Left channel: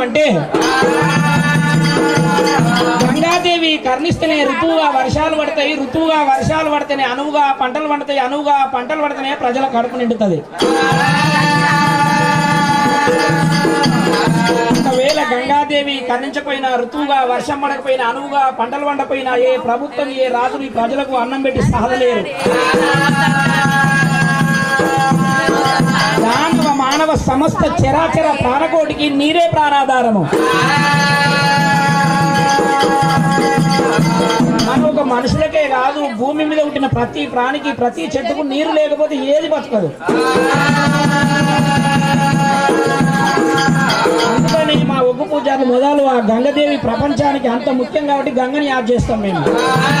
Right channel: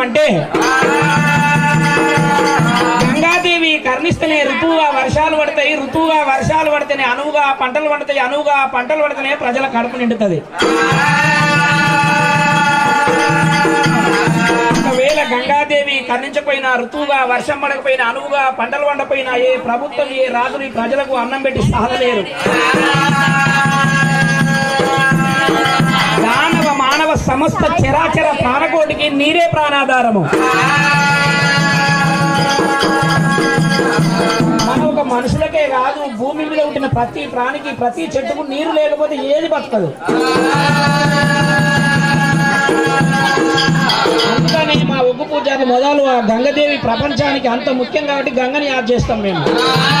అంటే గంగాదేవి కర్ణిస్తేనే ఋతువుగా వర్షాలు పడతాయి, ఋతువుగా వర్షాలు పడితేనే అనువుగా పంటలు పడతాయి, అనువుగా పంటలు పడితేనే ప్రజల కడుపు నిండుతుంది. ఒకవేళ గంగాదేవి కర్ణించకపోయినా, ఋతువుగా వర్షం పడకపోయినా, అనువుగా పంటలు పండపోయినా ఏ ప్రభుత్వం ఏ రాజులు ఈ ప్రజలకు అన్నం పెట్టి సాధలేరు. మానవ సమస్త చరాచర ప్రాణకోటికి నీరే ప్రాణాధారము. ఒక మనుషులకే కాదు, భూమి మీద ఉంటున్న ప్రతి ప్రాణికి ప్రతి చెట్టుకు నీరు లేకపోతే ఏది బతకదు. అందుకని మా ఒగ్గు పూజారి మొదలు ఆ గంగదేవి ప్రపంచానికి అంత ముఖ్యం కాబట్టి గంగని యాద్ చేస్తాం మేము.